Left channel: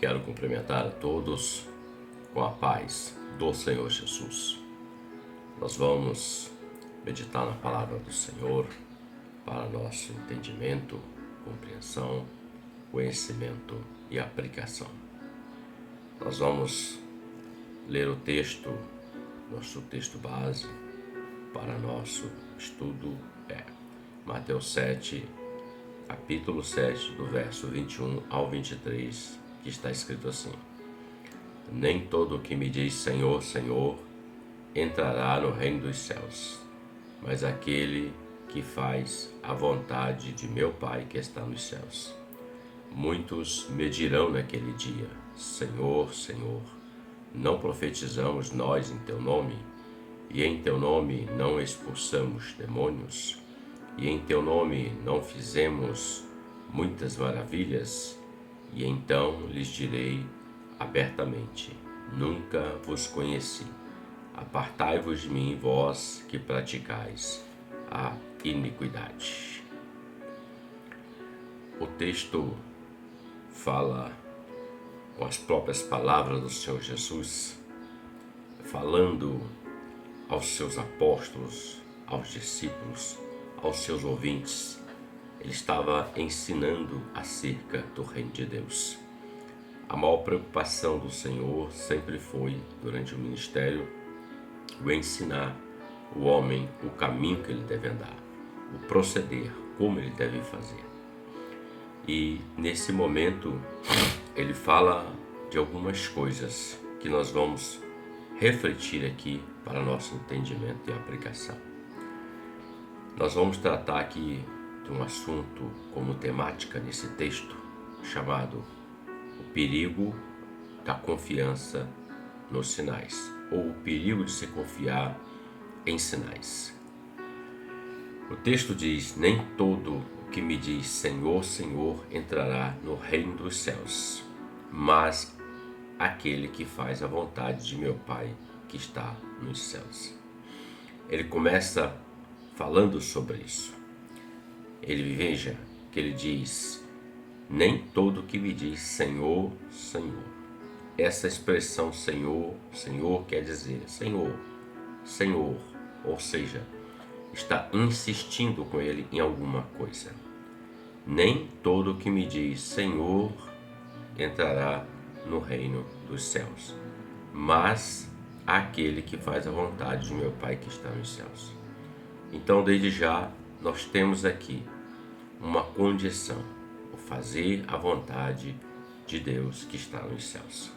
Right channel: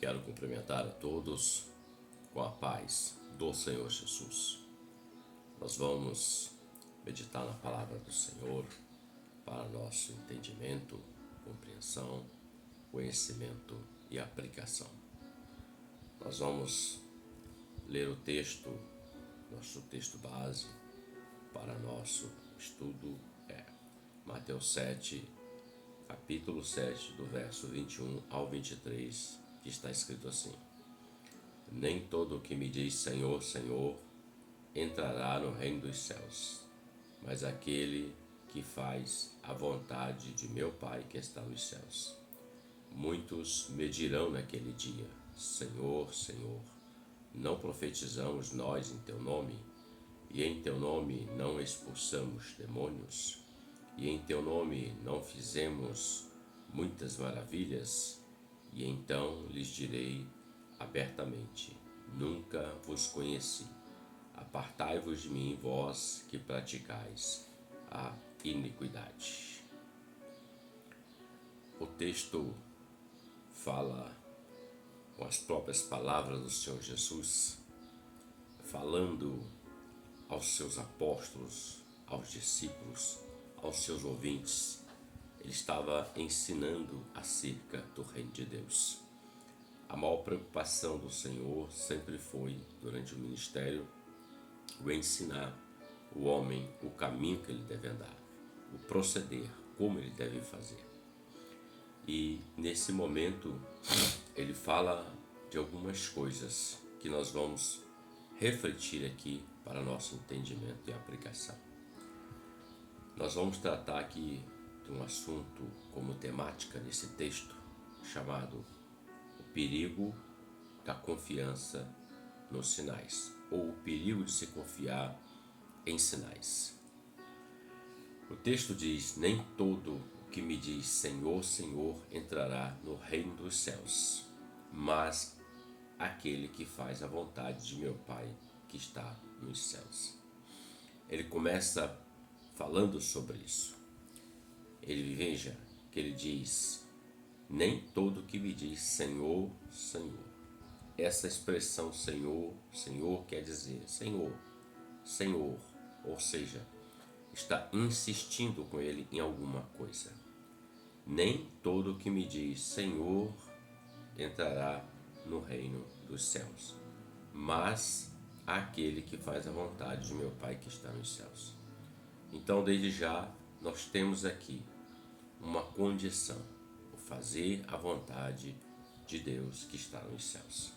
Quero cumprimentar a todos com a paz do Senhor Jesus. Nós vamos meditar na palavra do Senhor para nosso entendimento, compreensão, conhecimento e aplicação. Nós vamos ler o texto, nosso texto base para nosso estudo é Mateus 7, capítulo 7, do verso 21 ao 23, que está escrito assim: Nem todo o que me diz Senhor, Senhor, entrará no reino dos céus, mas aquele que faz a vontade de meu Pai que está nos céus. Muitos me dirão naquele dia: Senhor, Senhor, não profetizamos nós em teu nome? E em teu nome não expulsamos demônios? E em teu nome não fizemos muitas maravilhas? E então lhes direi abertamente: Nunca vos conheci. Apartai-vos de mim, vós que praticais a iniquidade. O texto fala com as próprias palavras do Senhor Jesus, falando aos seus apóstolos, aos discípulos, aos seus ouvintes. Ele estava ensinando acerca do reino de Deus. A maior preocupação do Senhor sempre foi, durante o ministério, o ensinar o homem o caminho que ele deve andar, o proceder, como ele deve fazer. E nesse momento ele fala de algumas coisas que nós vamos refletir aqui para nosso entendimento e aplicação. Nós vamos tratar aqui de um assunto como temática nesse texto, chamado o perigo da confiança nos sinais, ou o perigo de se confiar em sinais. O texto diz: Nem todo o que me diz Senhor, Senhor entrará no reino dos céus, mas aquele que faz a vontade de meu Pai que está nos céus. Ele começa falando sobre isso. Veja que ele diz: Nem todo que me diz Senhor, Senhor. Essa expressão Senhor, Senhor quer dizer Senhor, Senhor, ou seja, está insistindo com ele em alguma coisa. Nem todo que me diz Senhor entrará no reino dos céus, mas aquele que faz a vontade de meu Pai que está nos céus. Então, desde já, nós temos aqui uma condição: o fazer a vontade de Deus que está nos céus.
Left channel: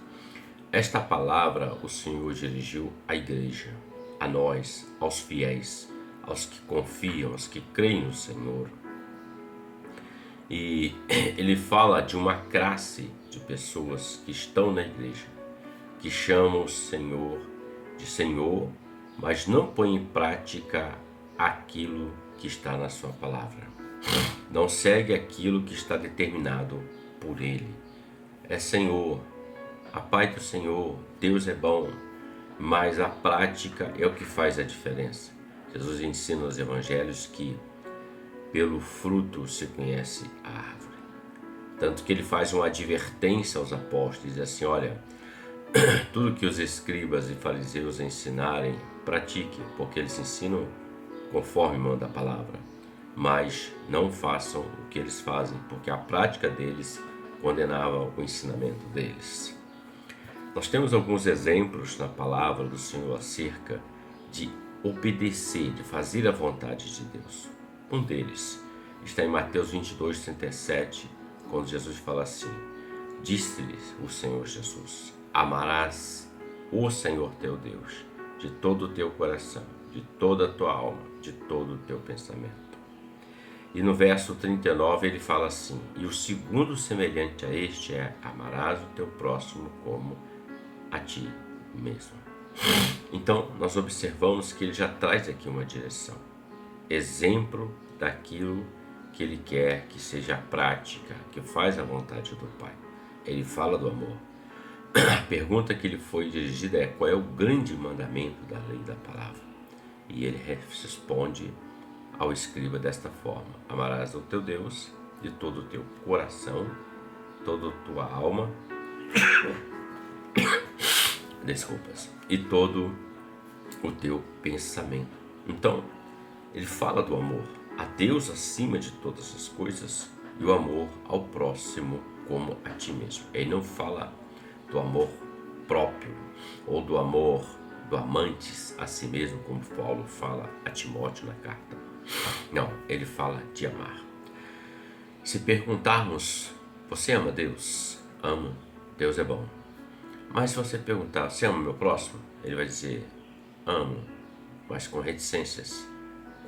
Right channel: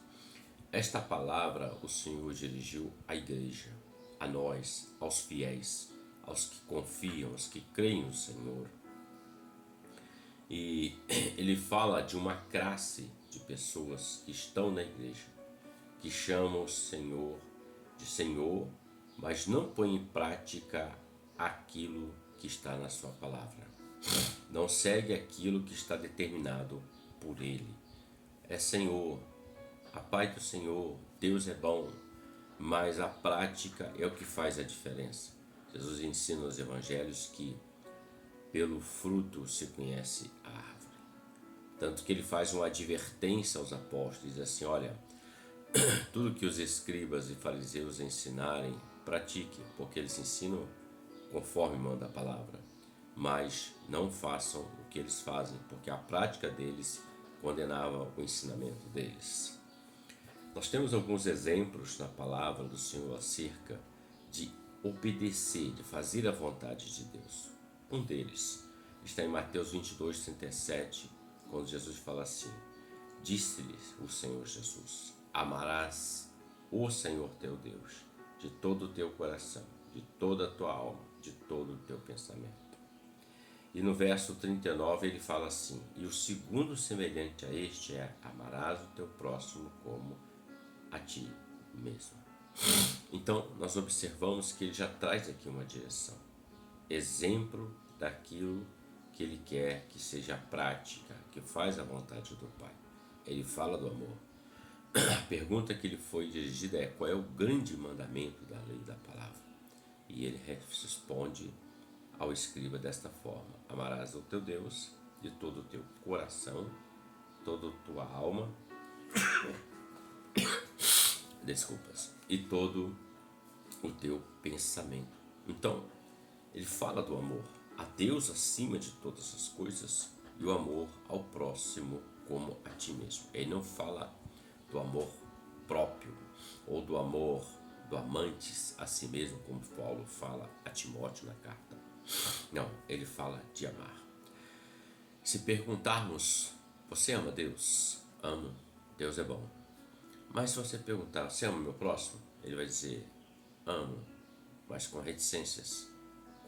Esta palavra o Senhor dirigiu à igreja, a nós, aos fiéis, aos que confiam, aos que creem no Senhor. E ele fala de uma classe de pessoas que estão na igreja, que chamam o Senhor de Senhor, mas não põem em prática aquilo que está na sua palavra. Não segue aquilo que está determinado por ele. É Senhor, a paz do Senhor, Deus é bom, mas a prática é o que faz a diferença. Jesus ensina nos evangelhos que pelo fruto se conhece a árvore. Tanto que ele faz uma advertência aos apóstolos, diz assim: olha, tudo que os escribas e fariseus ensinarem, pratiquem, porque eles ensinam conforme manda a palavra, mas não façam o que eles fazem, porque a prática deles condenava o ensinamento deles. Nós temos alguns exemplos na palavra do Senhor acerca de obedecer, de fazer a vontade de Deus. Um deles está em Mateus 22, 37, quando Jesus fala assim: Disse-lhes o Senhor Jesus: Amarás o Senhor teu Deus de todo o teu coração, de toda a tua alma, de todo o teu pensamento. E no verso 39 ele fala assim: E o segundo semelhante a este é: Amarás o teu próximo como a ti mesmo. Então nós observamos que ele já traz aqui uma direção, exemplo daquilo que ele quer que seja a prática, que faz a vontade do Pai. Ele fala do amor. A pergunta que lhe foi dirigida é: qual é o grande mandamento da lei da palavra? E ele responde ao escriba desta forma: Amarás o teu Deus de todo o teu coração, toda a tua alma Desculpas. E todo o teu pensamento. Então, ele fala do amor a Deus acima de todas as coisas e o amor ao próximo como a ti mesmo. Ele não fala do amor próprio ou do amor do amantes a si mesmo, como Paulo fala a Timóteo na carta. Não, ele fala de amar. Se perguntarmos, você ama Deus? Amo, Deus é bom. Mas se você perguntar, você ama o meu próximo? Ele vai dizer, amo, mas com reticências,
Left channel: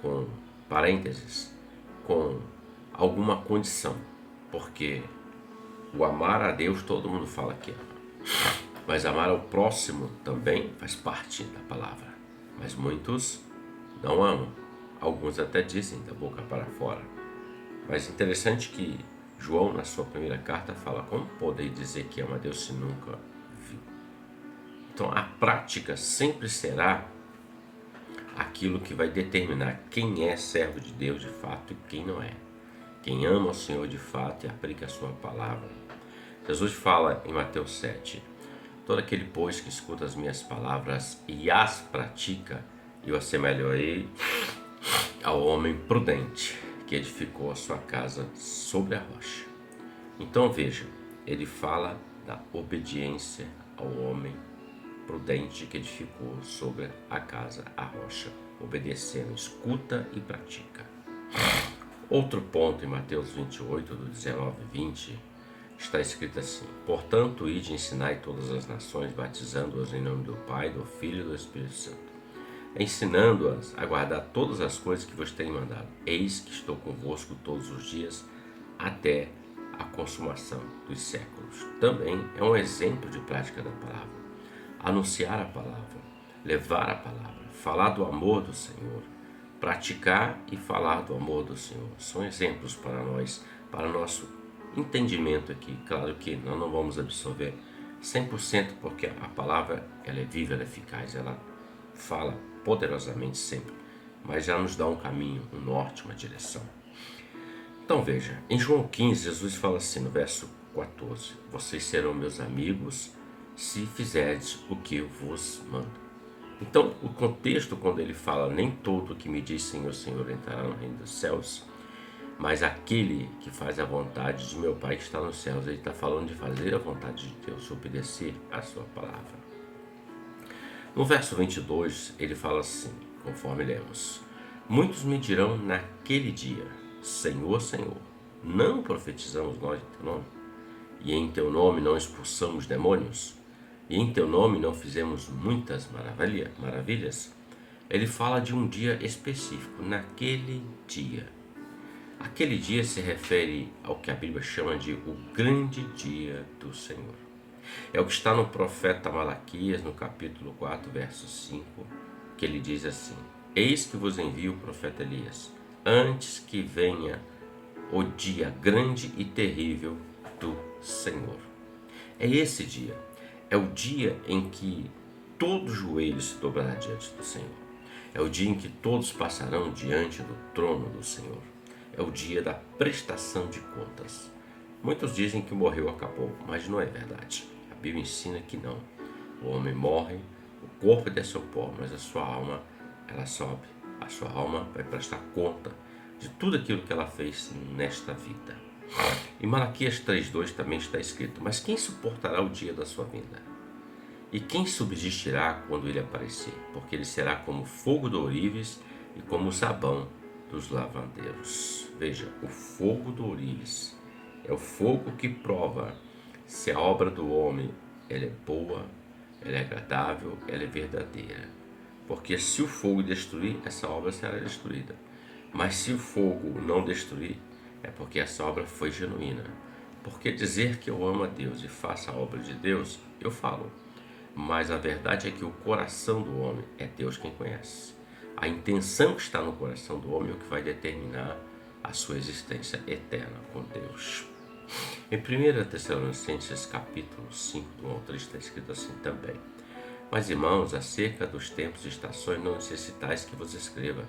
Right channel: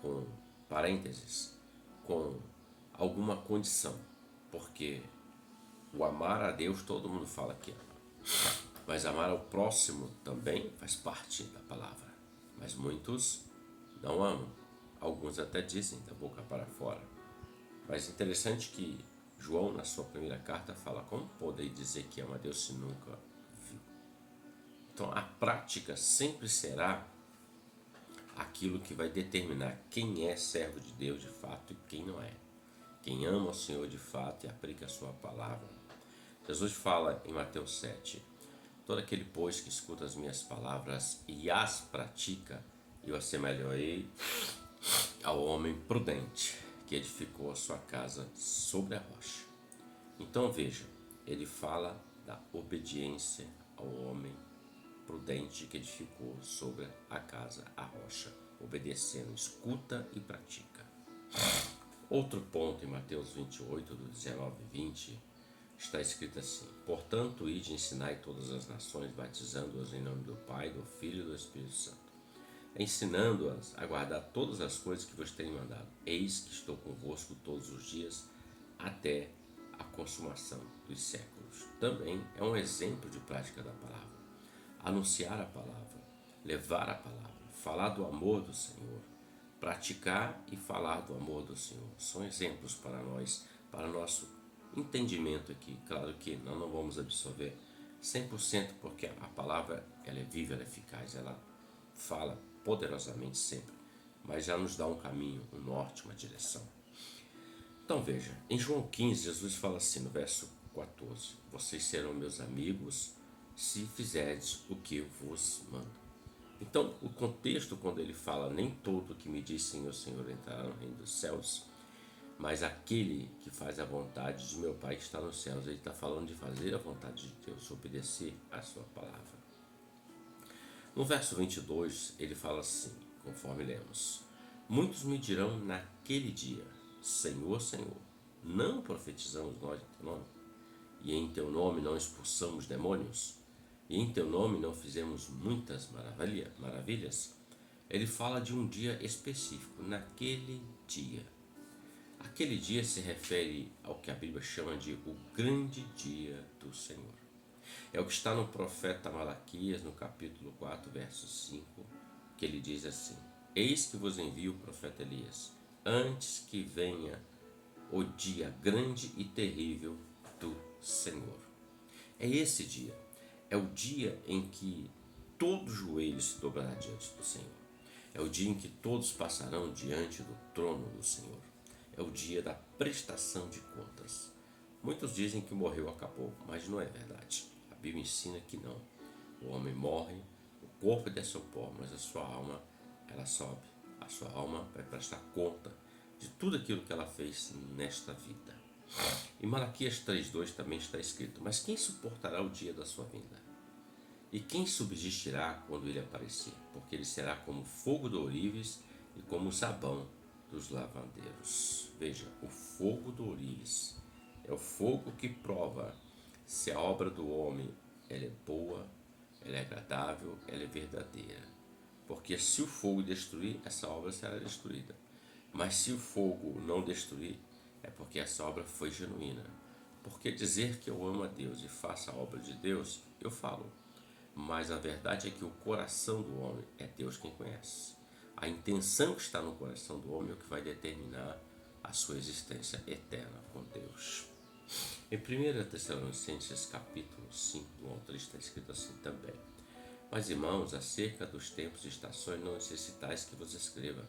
com parênteses, com alguma condição. Porque o amar a Deus todo mundo fala que ama. Mas amar ao próximo também faz parte da palavra. Mas muitos não amam. Alguns até dizem da boca para fora. Mas interessante que João, na sua primeira carta, fala como poder dizer que ama a Deus se nunca viu. Então a prática sempre será aquilo que vai determinar quem é servo de Deus de fato e quem não é. Quem ama o Senhor de fato e aplica a sua palavra. Jesus fala em Mateus 7, todo aquele, pois, que escuta as minhas palavras e as pratica, eu assemelharei ao homem prudente que edificou a sua casa sobre a rocha. Então veja, ele fala da obediência ao homem prudente que edificou sobre a casa, a rocha, obedecendo, escuta e pratica. Outro ponto em Mateus 28, do 19 e 20, está escrito assim: portanto, ide e ensinai todas as nações, batizando-as em nome do Pai, do Filho e do Espírito Santo, ensinando-as a guardar todas as coisas que vos tenho mandado. Eis que estou convosco todos os dias, até a consumação dos séculos. Também é um exemplo de prática da palavra. Anunciar a palavra, levar a palavra, falar do amor do Senhor, praticar e falar do amor do Senhor. São exemplos para nós, para nosso entendimento aqui. Claro que nós não vamos absorver 100%, porque a palavra ela é viva, ela é eficaz, ela fala poderosamente sempre, mas já nos dá um caminho, um norte, uma direção. Então veja, em João 15, Jesus fala assim no verso 14: vocês serão meus amigos se fizerdes o que eu vos mando. Então o contexto, quando ele fala, nem todo que me diz Senhor, Senhor entrará no reino dos céus, mas aquele que faz a vontade de meu Pai que está nos céus. Ele está falando de fazer a vontade de Deus, obedecer a sua palavra. No verso 22, ele fala assim, conforme lemos: muitos me dirão naquele dia, Senhor, Senhor, não profetizamos nós em teu nome? E em teu nome não expulsamos demônios? E em teu nome não fizemos muitas maravilhas? Ele fala de um dia específico, naquele dia. Aquele dia se refere ao que a Bíblia chama de o grande dia do Senhor. É o que está no profeta Malaquias, no capítulo 4, verso 5, que ele diz assim: eis que vos envio o profeta Elias, antes que venha o dia grande e terrível do Senhor. É esse dia, é o dia em que todo joelho se dobrará diante do Senhor. É o dia em que todos passarão diante do trono do Senhor. É o dia da prestação de contas. Muitos dizem que morreu, acabou, mas não é verdade. A Bíblia ensina que não. O homem morre, o corpo desce ao pó, mas a sua alma, ela sobe. A sua alma vai prestar conta de tudo aquilo que ela fez nesta vida. Em Malaquias 3:2 também está escrito: mas quem suportará o dia da sua vinda? E quem subsistirá quando ele aparecer? Porque ele será como fogo do ourives e como o sabão dos lavandeiros. Veja, o fogo do ourives é o fogo que prova se a obra do homem ela é boa, ela é agradável, ela é verdadeira. Porque se o fogo destruir, essa obra será destruída. Mas se o fogo não destruir, é porque essa obra foi genuína. Porque dizer que eu amo a Deus e faço a obra de Deus, eu falo. Mas a verdade é que o coração do homem é Deus quem conhece. A intenção que está no coração do homem é o que vai determinar a sua existência eterna com Deus. Em 1 Tessalonicenses capítulo 5, do 1 ao 3, está escrito assim também: mas irmãos, acerca dos tempos e estações não necessitais que vos escreva,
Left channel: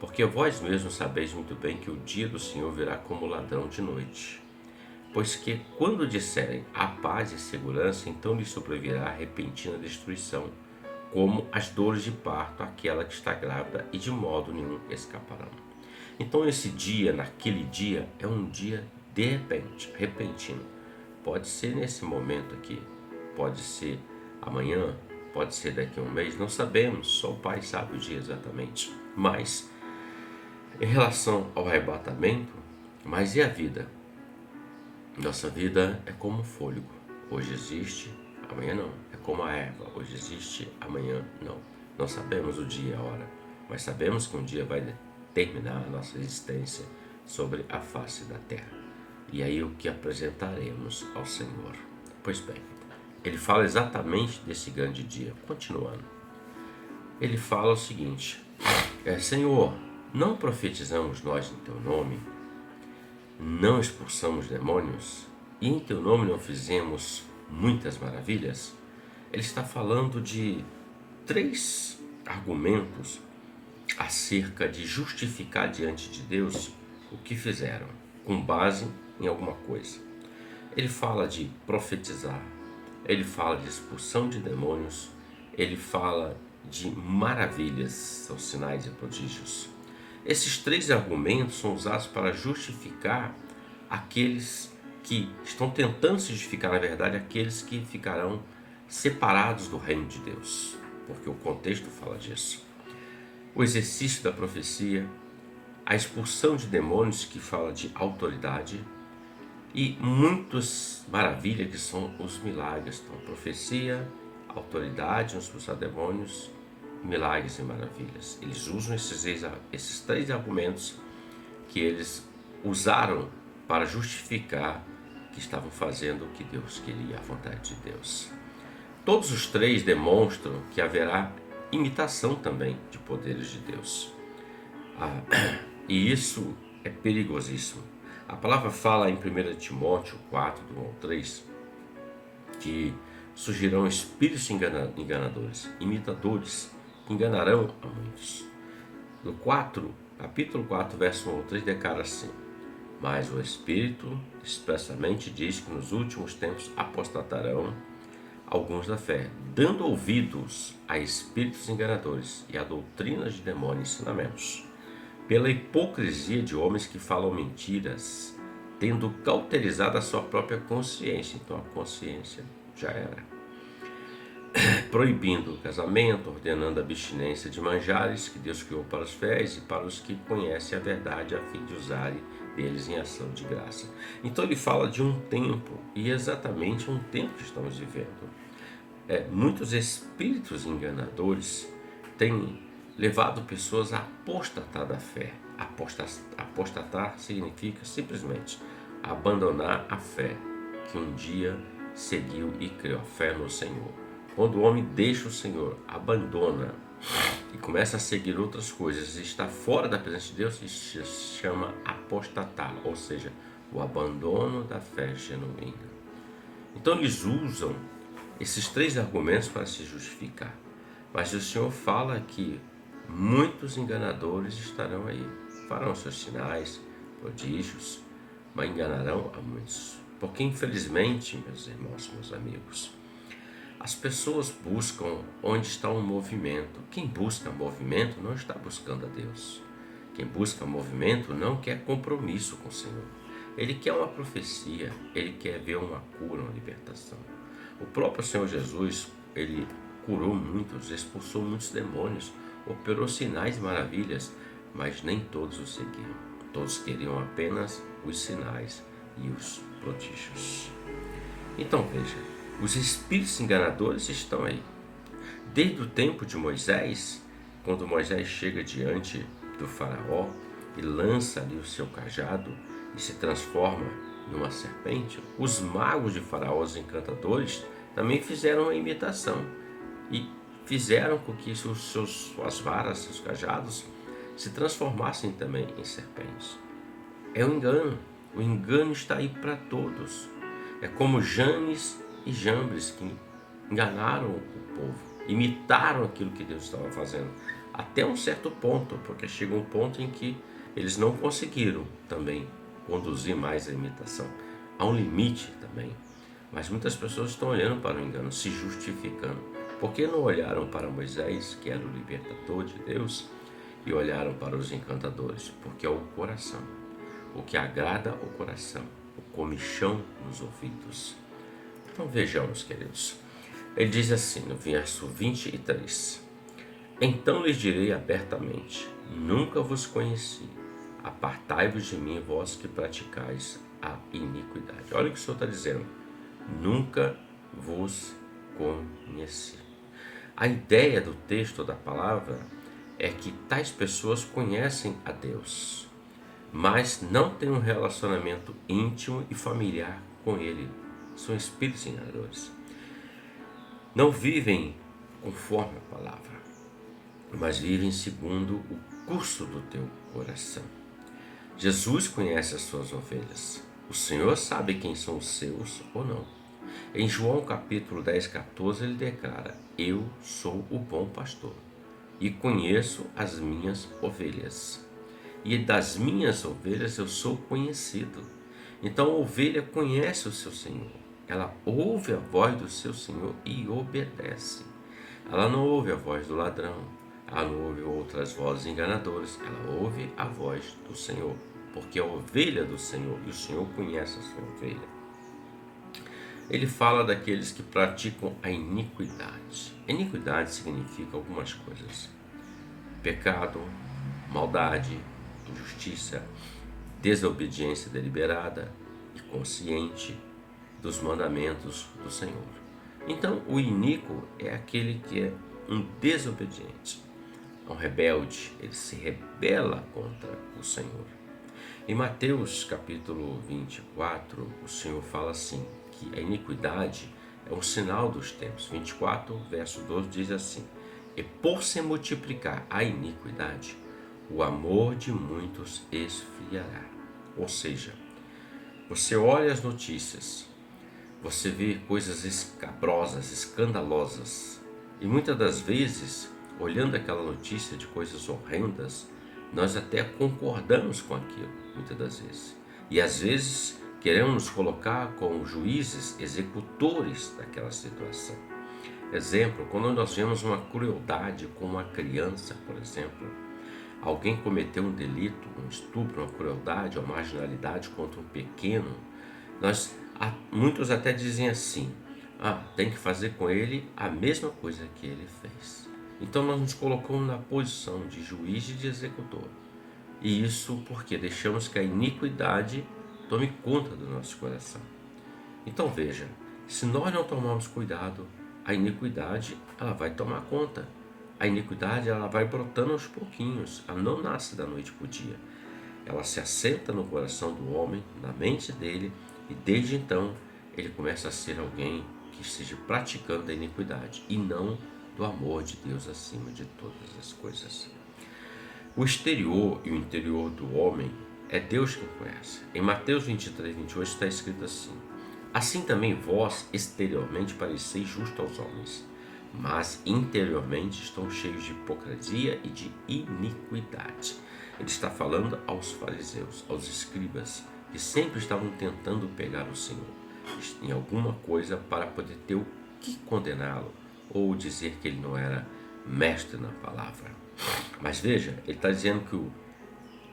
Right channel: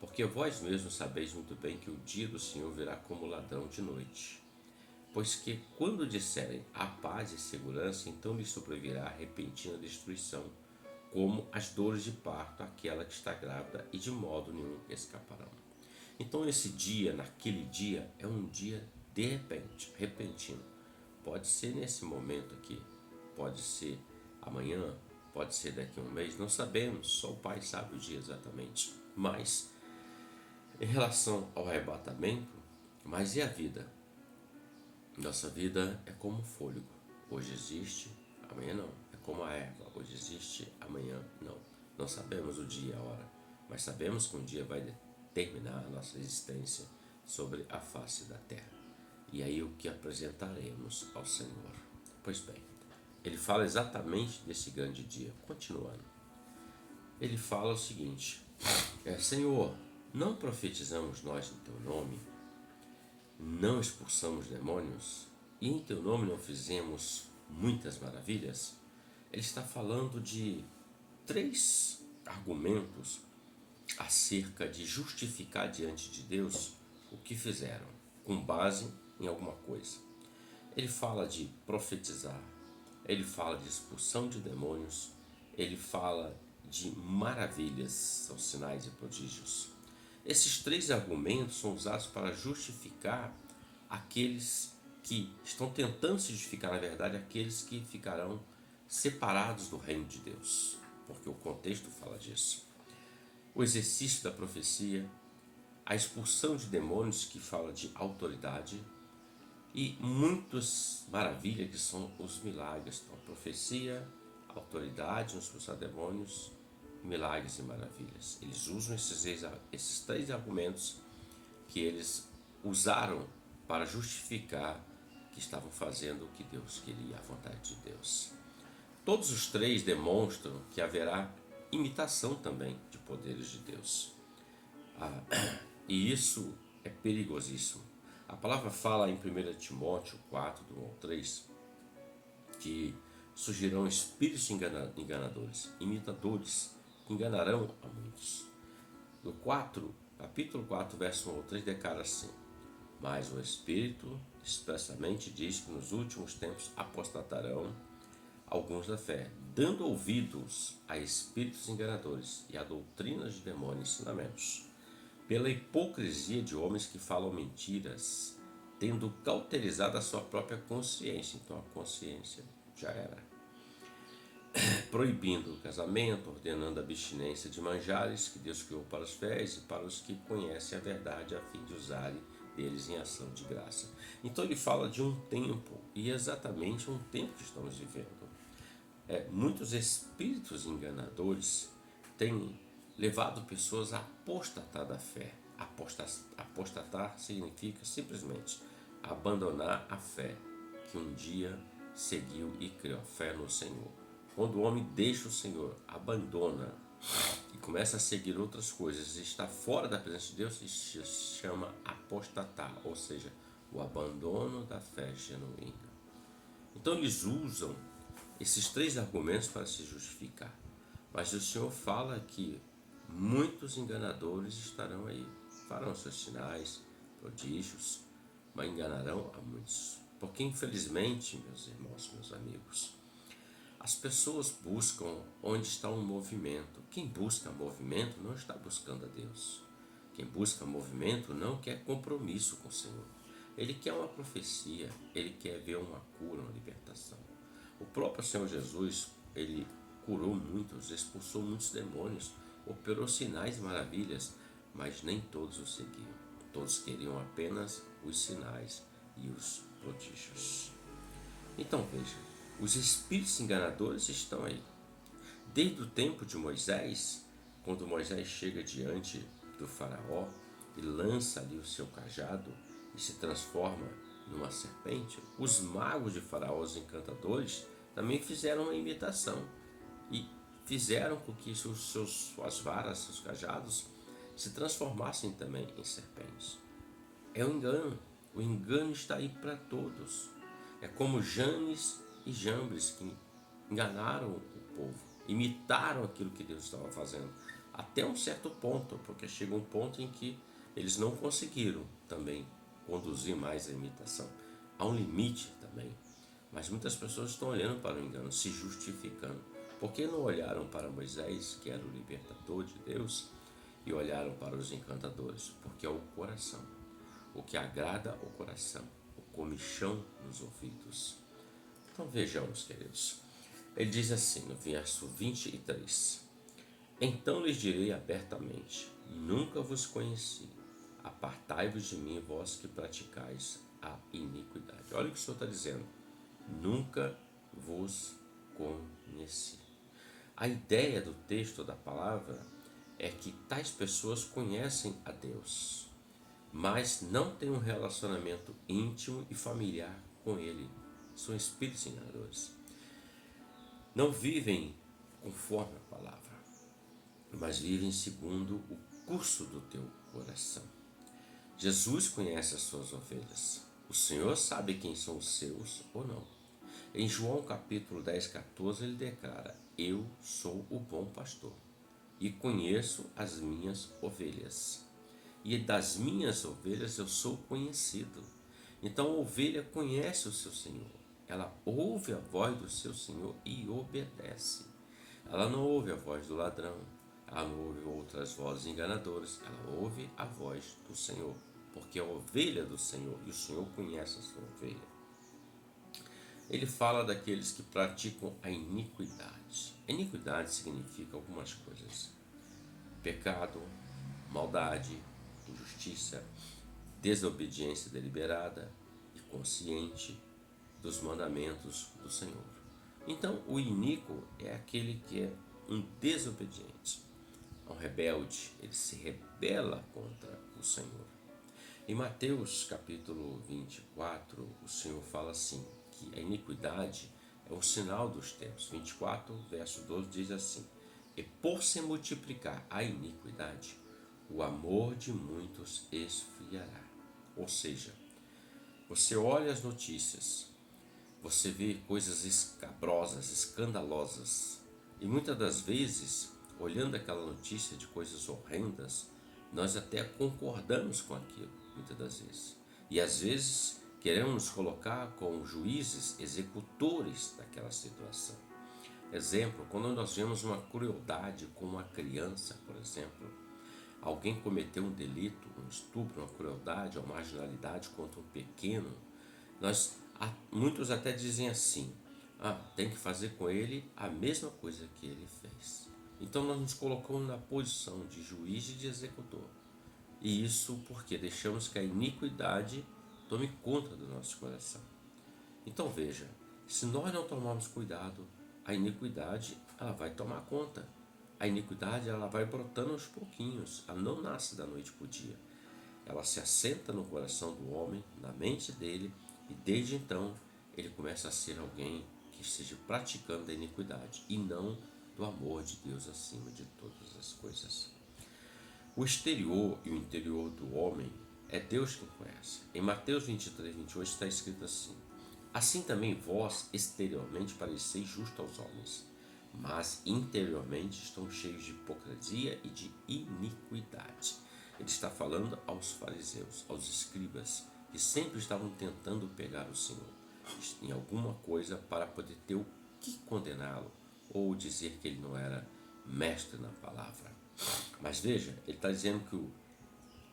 porque vós mesmos sabeis muito bem que o dia do Senhor virá como ladrão de noite. Pois que quando disserem a paz e segurança, então lhes sobrevirá repentina destruição, como as dores de parto àquela que está grávida, e de modo nenhum escaparão. Então esse dia, naquele dia, é um dia de repente, repentino. Pode ser nesse momento aqui, pode ser amanhã, pode ser daqui a um mês, não sabemos, só o Pai sabe o dia exatamente. Mas, em relação ao arrebatamento, mas e a vida? Nossa vida é como um fôlego. Hoje existe, amanhã não. É como a erva. Hoje existe, amanhã não. Não sabemos o dia e a hora, mas sabemos que um dia vai determinar a nossa existência sobre a face da terra. E aí o que apresentaremos ao Senhor? Pois bem, ele fala exatamente desse grande dia. Continuando, ele fala o seguinte: Senhor, não profetizamos nós em teu nome? Não expulsamos demônios e em teu nome não fizemos muitas maravilhas? Ele está falando de 3 argumentos acerca de justificar diante de Deus o que fizeram, com base em alguma coisa. Ele fala de profetizar, ele fala de expulsão de demônios, ele fala de maravilhas, são sinais e prodígios. Esses 3 argumentos são usados para justificar aqueles que estão tentando se justificar, na verdade, aqueles que ficarão separados do reino de Deus, porque o contexto fala disso. O exercício da profecia, a expulsão de demônios, que fala de autoridade, e muitas maravilhas, que são os milagres. Então, profecia, autoridade, expulsar demônios, milagres e maravilhas. Eles usam esses 3 argumentos que eles usaram para justificar que estavam fazendo o que Deus queria, a vontade de Deus. Todos os 3 demonstram que haverá imitação também de poderes de Deus. E isso é perigosíssimo. A palavra fala em 1 Timóteo 4, do 1 ao 3, que surgirão espíritos enganadores, imitadores, que enganarão a muitos. No capítulo 4, verso 1 ao 3, declara assim: Mas o Espírito expressamente diz que nos últimos tempos apostatarão alguns da fé, dando ouvidos a espíritos enganadores e a doutrinas de demônios e ensinamentos, pela hipocrisia de homens que falam mentiras, tendo cauterizado a sua própria consciência. Então a consciência já era. Proibindo o casamento, ordenando a abstinência de manjares que Deus criou para os fiéis e para os que conhecem a verdade, a fim de usarem deles em ação de graça. Então ele fala de um tempo, e exatamente um tempo que estamos vivendo. Muitos espíritos enganadores têm levado pessoas a apostatar da fé. Apostatar significa simplesmente abandonar a fé que um dia seguiu e criou, a fé no Senhor. Quando o homem deixa o Senhor, abandona e começa a seguir outras coisas e está fora da presença de Deus, isso se chama apostatar, ou seja, o abandono da fé genuína. Então eles usam esses 3 argumentos para se justificar. Mas o Senhor fala que muitos enganadores estarão aí, farão seus sinais, prodígios, mas enganarão a muitos. Porque infelizmente, meus irmãos, meus amigos, as pessoas buscam onde está um movimento. Quem busca movimento não está buscando a Deus. Quem busca movimento não quer compromisso com o Senhor. Ele quer uma profecia, ele quer ver uma cura, uma libertação. O próprio Senhor Jesus, ele curou muitos, expulsou muitos demônios, operou sinais e maravilhas, mas nem todos o seguiam. Todos queriam apenas os sinais e os prodígios. Então veja, os espíritos enganadores estão aí. Desde o tempo de Moisés, quando Moisés chega diante do faraó e lança ali o seu cajado e se transforma numa serpente, os magos de faraó, os encantadores, também fizeram uma imitação e fizeram com que suas varas, seus cajados, se transformassem também em serpentes. É um engano. O engano está aí para todos. É como Janes e Jambres, que enganaram o povo, imitaram aquilo que Deus estava fazendo, até um certo ponto, porque chega um ponto em que eles não conseguiram também conduzir mais a imitação. Há um limite também. Mas muitas pessoas estão olhando para o engano, se justificando. Por que não olharam para Moisés, que era o libertador de Deus, e olharam para os encantadores? Porque é o coração, o que agrada o coração, o comichão nos ouvidos. Então vejamos, queridos. Ele diz assim no verso 23: Então lhes direi abertamente: Nunca vos conheci. Apartai-vos de mim, vós que praticais a iniquidade. Olha o que o Senhor está dizendo. Nunca vos conheci. A ideia do texto da palavra é que tais pessoas conhecem a Deus, mas não têm um relacionamento íntimo e familiar com Ele. São espíritos enganadores. Não vivem conforme a palavra, mas vivem segundo o curso do teu coração. Jesus conhece as suas ovelhas. O Senhor sabe quem são os seus ou não. Em João capítulo 10, 14, ele declara: Eu sou o bom pastor e conheço as minhas ovelhas. E das minhas ovelhas eu sou conhecido. Então a ovelha conhece o seu Senhor. Ela ouve a voz do seu Senhor e obedece. Ela não ouve a voz do ladrão, ela não ouve outras vozes enganadoras, ela ouve a voz do Senhor, porque é a ovelha do Senhor e o Senhor conhece a sua ovelha. Ele fala daqueles que praticam a iniquidade. Iniquidade significa algumas coisas: pecado, maldade, injustiça, desobediência deliberada e consciente dos mandamentos do Senhor. Então, o iníquo é aquele que é um desobediente, um rebelde, ele se rebela contra o Senhor. Em Mateus capítulo 24, o Senhor fala assim, que a iniquidade é um sinal dos tempos. 24, verso 12 diz assim: E por se multiplicar a iniquidade, o amor de muitos esfriará. Ou seja, você olha as notícias, você vê coisas escabrosas, escandalosas, e muitas das vezes, olhando aquela notícia de coisas horrendas, nós até concordamos com aquilo, muitas das vezes. E às vezes queremos nos colocar como juízes, executores daquela situação. Exemplo, quando nós vemos uma crueldade com uma criança, por exemplo, alguém cometeu um delito, um estupro, uma crueldade, uma marginalidade contra um pequeno, muitos até dizem assim: tem que fazer com ele a mesma coisa que ele fez. Então nós nos colocamos na posição de juiz e de executor. E isso porque deixamos que a iniquidade tome conta do nosso coração. Então veja, se nós não tomarmos cuidado, a iniquidade ela vai tomar conta. A iniquidade ela vai brotando aos pouquinhos, ela não nasce da noite para o dia. Ela se assenta no coração do homem, na mente dele, e desde então ele começa a ser alguém que esteja praticando a iniquidade e não do amor de Deus acima de todas as coisas. O exterior e o interior do homem é Deus quem conhece. Em Mateus 23, 28 está escrito assim: Assim também vós exteriormente pareceis justos aos homens, mas interiormente estão cheios de hipocrisia e de iniquidade. Ele está falando aos fariseus, aos escribas, que sempre estavam tentando pegar o Senhor em alguma coisa para poder ter o que condená-lo ou dizer que ele não era mestre na palavra. Mas veja, ele está dizendo que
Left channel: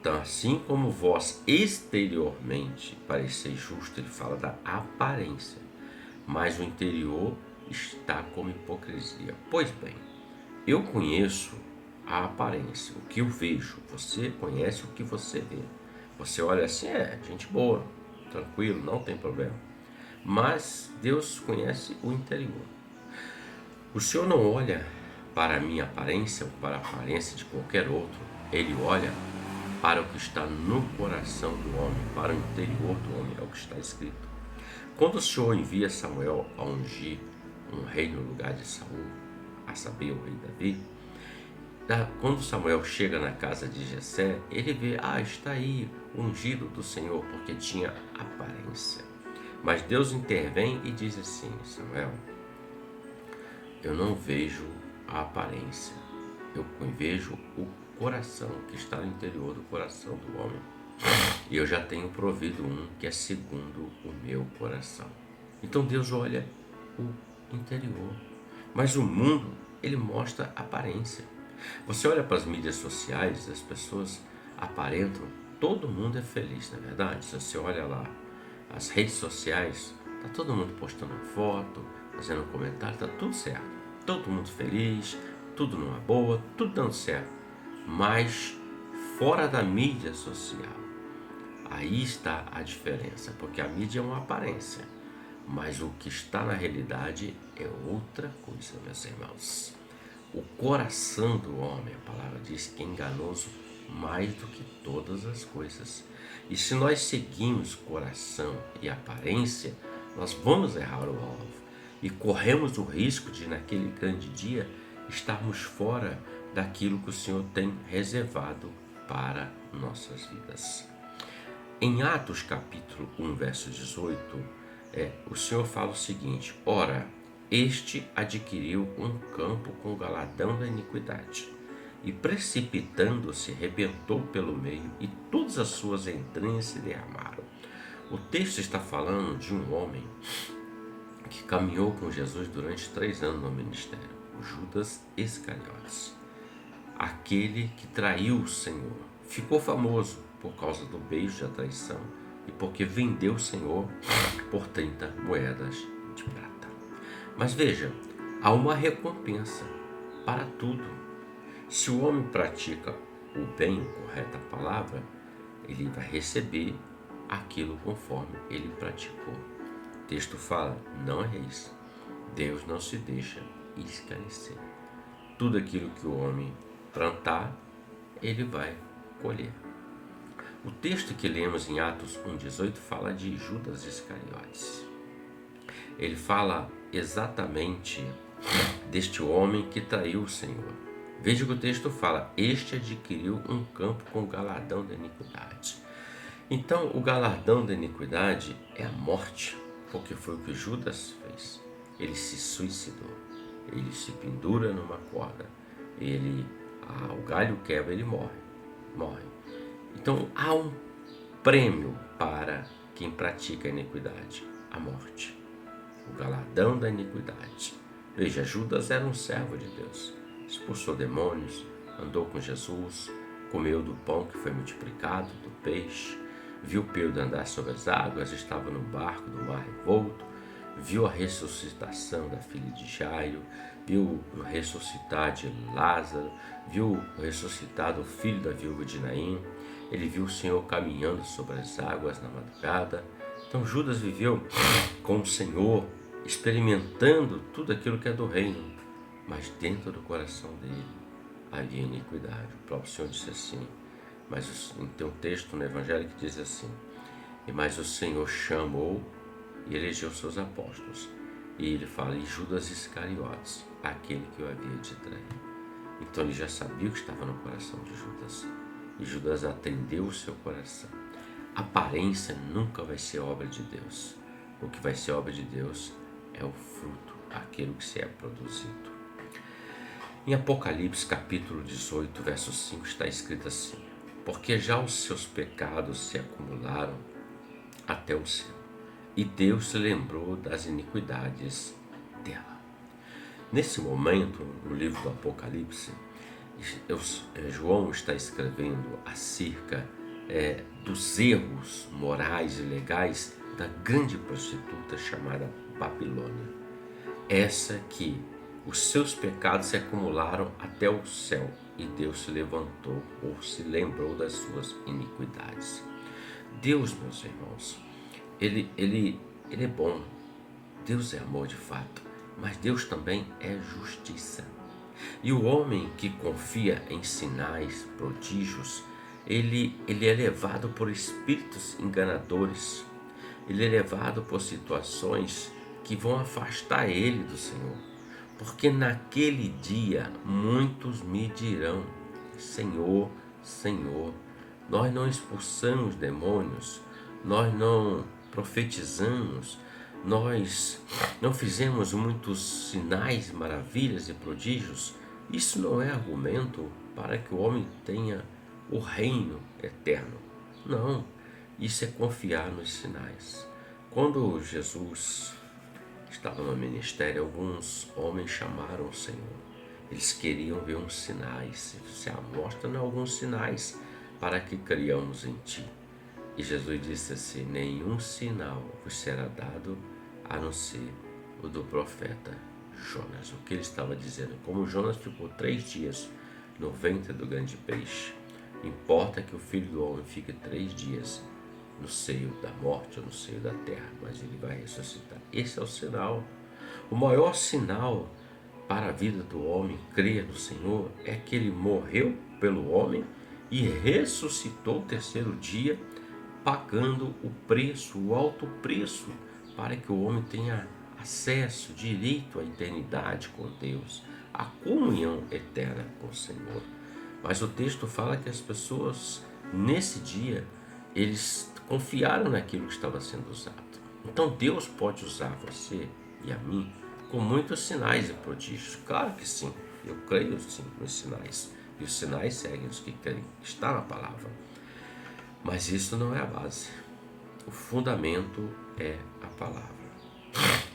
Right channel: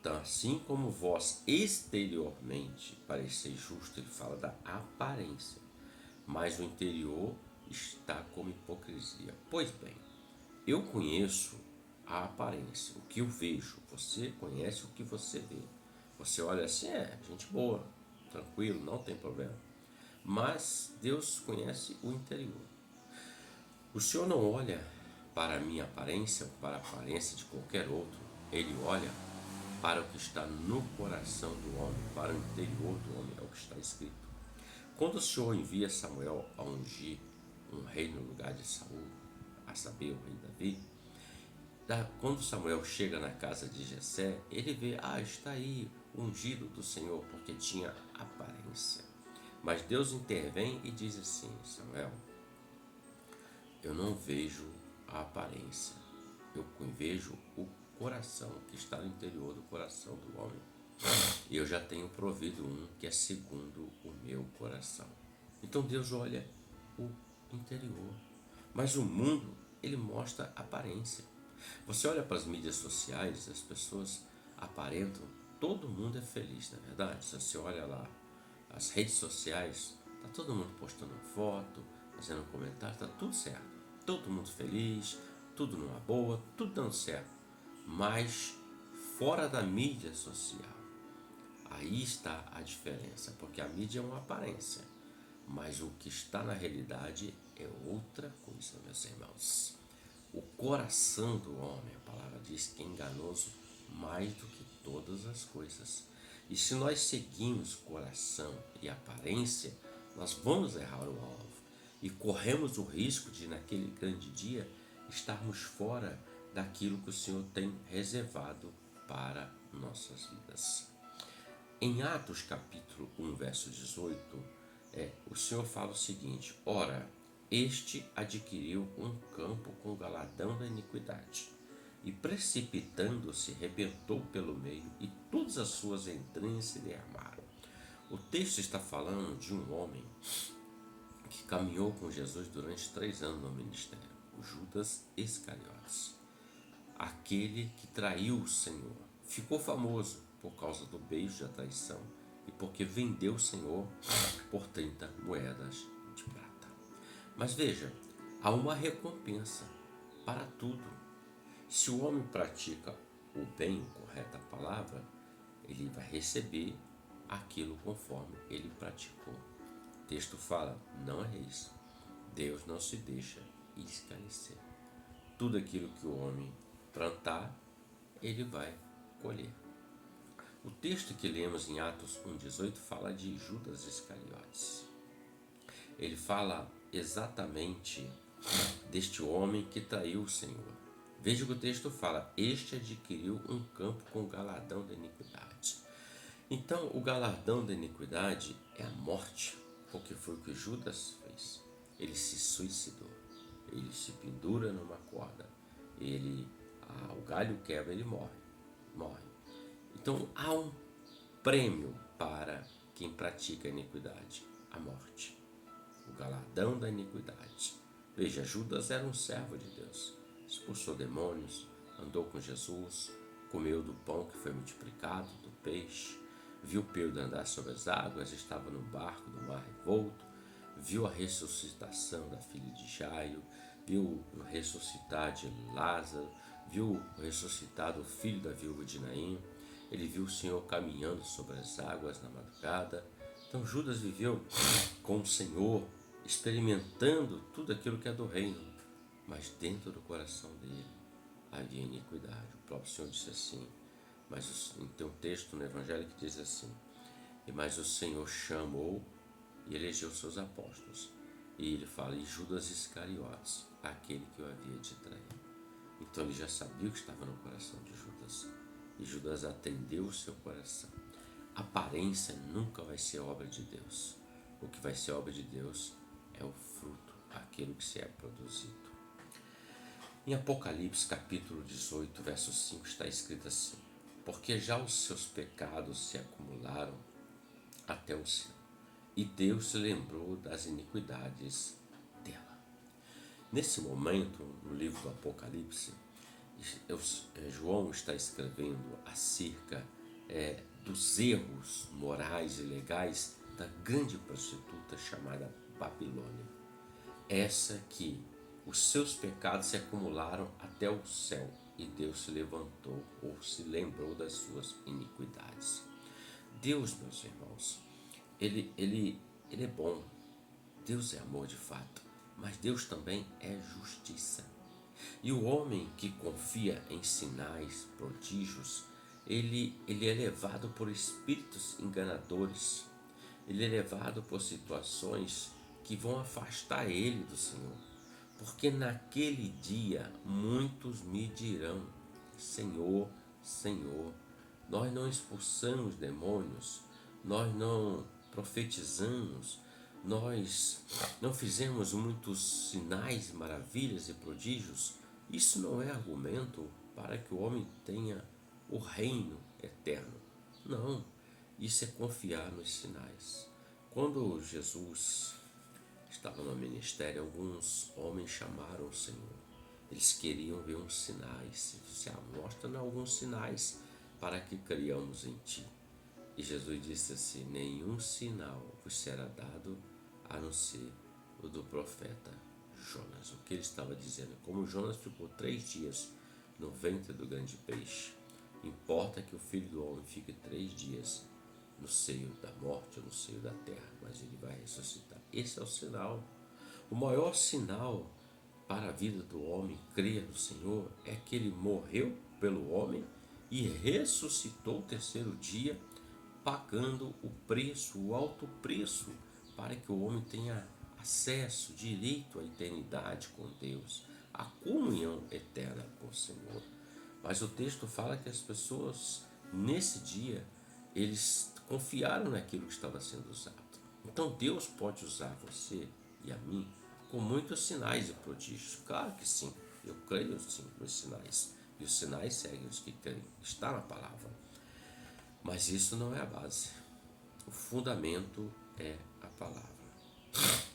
então, assim como vós exteriormente pareceis justo, ele fala da aparência, mas o interior está como hipocrisia. Pois bem, eu conheço a aparência, o que eu vejo. Você conhece o que você vê. Você olha assim, gente boa, tranquilo, não tem problema. Mas Deus conhece o interior. O Senhor não olha para a minha aparência ou para a aparência de qualquer outro. Ele olha para o que está no coração do homem, para o interior do homem, é o que está escrito. Quando o Senhor envia Samuel a ungir um rei no lugar de Saul, a saber, o rei Davi, quando Samuel chega na casa de Jessé, ele vê, está aí o ungido do Senhor, porque tinha aparência. Mas Deus intervém e diz assim: Samuel, eu não vejo a aparência, eu vejo o coração, que está no interior do coração do homem. e eu já tenho provido um que é segundo o meu coração. Então Deus olha o interior, mas o mundo, ele mostra aparência. Você olha para as mídias sociais, as pessoas aparentam, todo mundo é feliz, não é verdade? Se você olha lá as redes sociais, tá todo mundo postando foto, fazendo comentário, tá tudo certo. Todo mundo feliz, tudo numa boa, tudo dando certo. Mas fora da mídia social, aí está a diferença, porque a mídia é uma aparência, mas o que está na realidade é outra coisa, meus irmãos. O coração do homem, a palavra diz que é enganoso mais do que todas as coisas. E se nós seguimos coração e aparência, nós vamos errar o alvo e corremos o risco de, naquele grande dia, estarmos fora daquilo que o Senhor tem reservado para nossas vidas. Em Atos capítulo 1, verso 18, o Senhor fala o seguinte: ora, este adquiriu um campo com o galardão da iniquidade, e precipitando-se, rebentou pelo meio, e todas as suas entranhas se derramaram. O texto está falando de um homem que caminhou com Jesus durante 3 anos no ministério, o Judas Iscariotes, aquele que traiu o Senhor. Ficou famoso por causa do beijo da traição e porque vendeu o Senhor por 30 moedas de prata. Mas veja, há uma recompensa para tudo. Se o homem pratica o bem, correta palavra, ele vai receber aquilo conforme ele praticou. O texto fala, não é isso. Deus não se deixa escarnecer. Tudo aquilo que o homem plantar, ele vai colher. O texto que lemos em Atos 1,18 fala de Judas Iscariotes. Ele fala exatamente deste homem que traiu o Senhor. Veja que o texto fala, este adquiriu um campo com o galardão da iniquidade. Então, o galardão da iniquidade é a morte, porque foi o que Judas fez. Ele se suicidou, ele se pendura numa corda, o galho quebra, ele morre. Então, há um prêmio para quem pratica a iniquidade, a morte, o galardão da iniquidade. Veja, Judas era um servo de Deus, expulsou demônios, andou com Jesus, comeu do pão que foi multiplicado, do peixe, viu Pedro andar sobre as águas, estava no barco do mar revolto, viu a ressuscitação da filha de Jairo, viu ressuscitar de Lázaro, viu ressuscitar o filho da viúva de Naim, ele viu o Senhor caminhando sobre as águas na madrugada. Então Judas viveu com o Senhor, experimentando tudo aquilo que é do reino, mas dentro do coração dele havia iniquidade. O próprio Senhor disse assim, mas tem um texto no Evangelho que diz assim, mas o Senhor chamou e elegeu seus apóstolos. E ele fala, e Judas Iscariotes, aquele que o havia de trair. Então ele já sabia o que estava no coração de Judas. E Judas atendeu o seu coração. A aparência nunca vai ser obra de Deus. O que vai ser obra de Deus é o fruto, aquilo que se é produzido. Em Apocalipse capítulo 18, verso 5 está escrito assim, porque já os seus pecados se acumularam até o céu, e Deus se lembrou das iniquidades dela. Nesse momento, no livro do Apocalipse, João está escrevendo acerca dos erros morais e legais da grande prostituta chamada Babilônia. Essa que os seus pecados se acumularam até o céu e Deus se levantou ou se lembrou das suas iniquidades. Deus, meus irmãos, ele é bom. Deus é amor de fato, mas Deus também é justiça. E o homem que confia em sinais, prodígios, ele é levado por espíritos enganadores, ele é levado por situações que vão afastar ele do Senhor. Porque naquele dia muitos me dirão, Senhor, Senhor, nós não expulsamos demônios, nós não profetizamos, nós não fizemos muitos sinais, maravilhas e prodígios. Isso não é argumento para que o homem tenha o reino eterno. Não, isso é confiar nos sinais. Quando Jesus estava no ministério, alguns homens chamaram o Senhor. Eles queriam ver uns sinais. Você mostra-nos alguns sinais para que criamos em ti. E Jesus disse assim: nenhum sinal vos será dado a não ser o do profeta Jonas. O que ele estava dizendo? Como Jonas ficou 3 dias no ventre do grande peixe, importa que o Filho do Homem fique 3 dias no seio da morte ou no seio da terra, mas ele vai ressuscitar. Esse é o sinal. O maior sinal para a vida do homem crer no Senhor é que ele morreu pelo homem e ressuscitou o 3º dia, pagando o preço, o alto preço, para que o homem tenha acesso, direito à eternidade com Deus, à comunhão eterna com o Senhor. Mas o texto fala que as pessoas, nesse dia, eles confiaram naquilo que estava sendo usado. Então Deus pode usar você e a mim com muitos sinais e prodígios. Claro que sim, eu creio sim nos sinais. E os sinais seguem os que creem. Está na palavra. Mas isso não é a base. O fundamento é a palavra.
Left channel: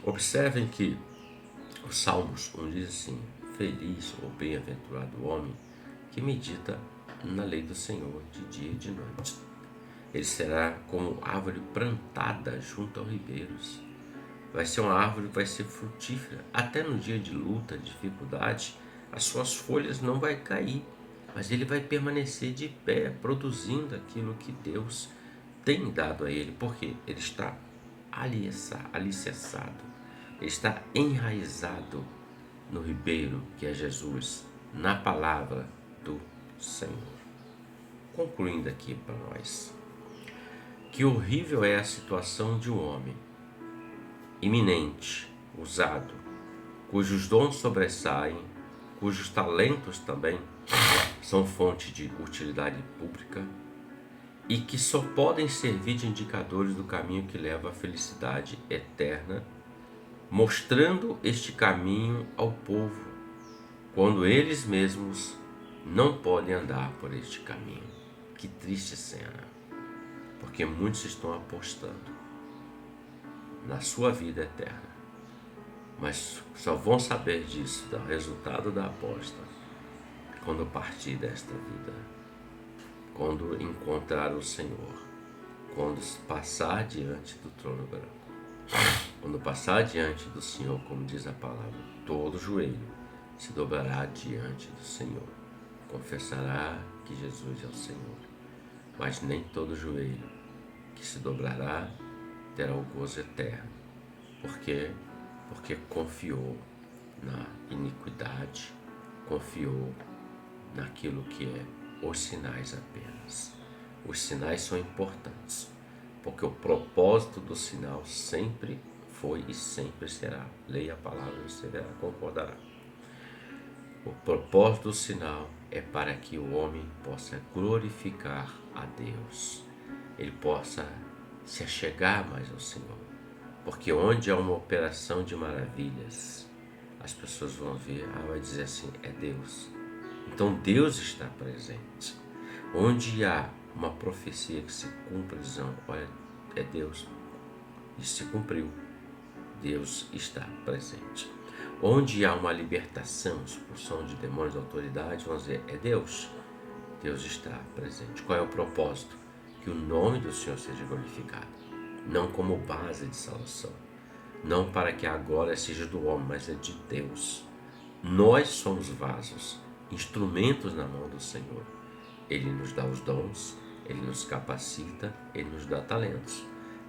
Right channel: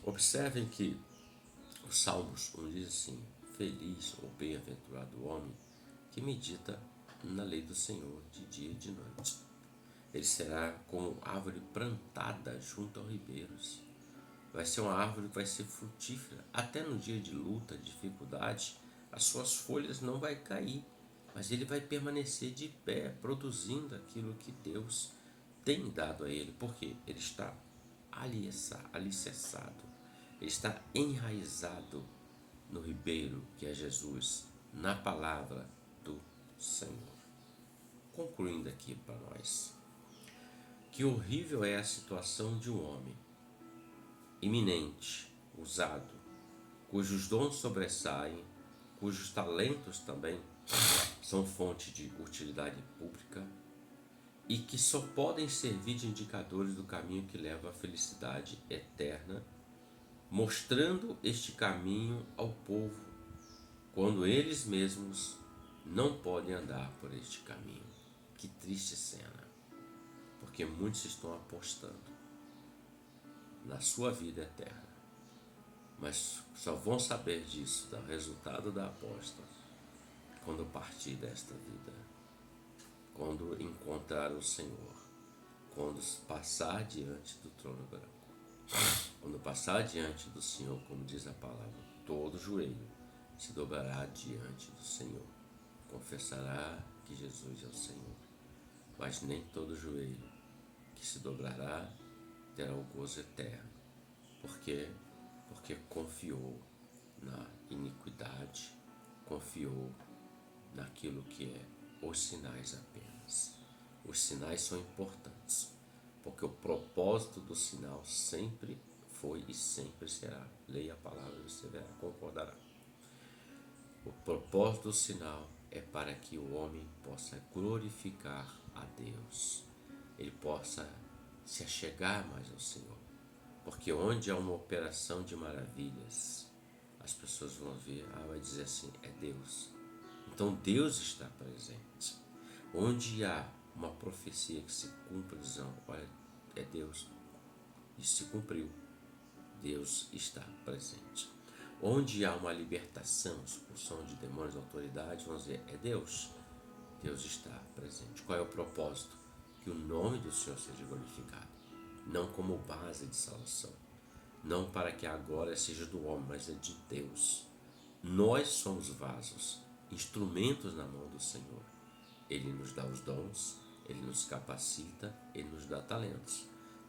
Observem que os Salmos 1 diz assim: feliz ou bem-aventurado o homem que medita na lei do Senhor de dia e de noite. Ele será como árvore plantada junto aos ribeiros. Vai ser uma árvore que vai ser frutífera. Até no dia de luta, dificuldade, as suas folhas não vai cair, mas ele vai permanecer de pé, produzindo aquilo que Deus tem dado a ele, porque ele está alicerçado, ele está enraizado no ribeiro, que é Jesus, na palavra do Senhor. Concluindo aqui para nós, que horrível é a situação de um homem iminente, usado, cujos dons sobressaem, cujos talentos também são fonte de utilidade pública e que só podem servir de indicadores do caminho que leva à felicidade eterna, mostrando este caminho ao povo, quando eles mesmos não podem andar por este caminho. Que triste cena, porque muitos estão apostando na sua vida eterna, mas só vão saber disso, do resultado da aposta, quando partir desta vida, quando encontrar o Senhor, quando passar diante do trono branco, quando passar diante do Senhor, como diz a palavra, todo joelho se dobrará diante do Senhor, confessará que Jesus é o Senhor, mas nem todo joelho que se dobrará terá o gozo eterno. Por quê? Porque confiou na iniquidade, confiou naquilo que é os sinais apenas. Os sinais são importantes, porque o propósito do sinal sempre foi e sempre será. Leia a palavra e você verá, concordará. O propósito do sinal é para que o homem possa glorificar a Deus, ele possa se achegar mais ao Senhor, porque onde há uma operação de maravilhas, as pessoas vão ver, vai dizer assim, é Deus. Então Deus está presente. Onde há uma profecia que se cumpre, dizendo, olha, é Deus, isso se cumpriu, Deus está presente. Onde há uma libertação, expulsão de demônios, autoridade, vamos dizer, é Deus, Deus está presente. Qual é o propósito? Que o nome do Senhor seja glorificado, não como base de salvação, não para que a glória seja do homem, mas é de Deus. Nós somos vasos, instrumentos na mão do Senhor. Ele nos dá os dons, Ele nos capacita, Ele nos dá talentos,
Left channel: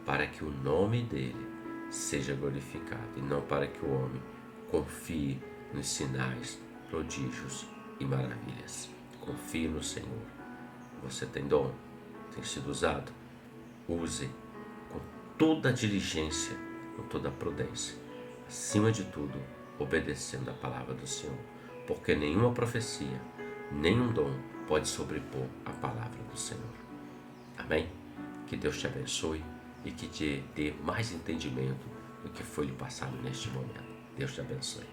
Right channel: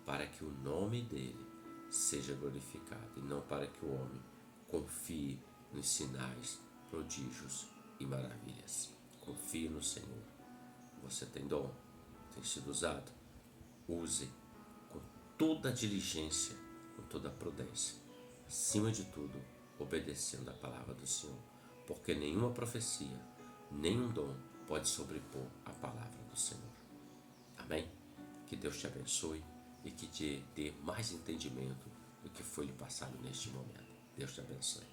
para que o nome dEle seja glorificado, e não para que o homem confie nos sinais, prodígios e maravilhas. Confie no Senhor. Você tem dom, tem sido usado, use com toda a diligência, com toda a prudência, acima de tudo, obedecendo a palavra do Senhor, porque nenhuma profecia, nenhum dom pode sobrepor a palavra do Senhor. Amém? Que Deus te abençoe e que te dê mais entendimento do que foi lhe passado neste momento. Deus te abençoe.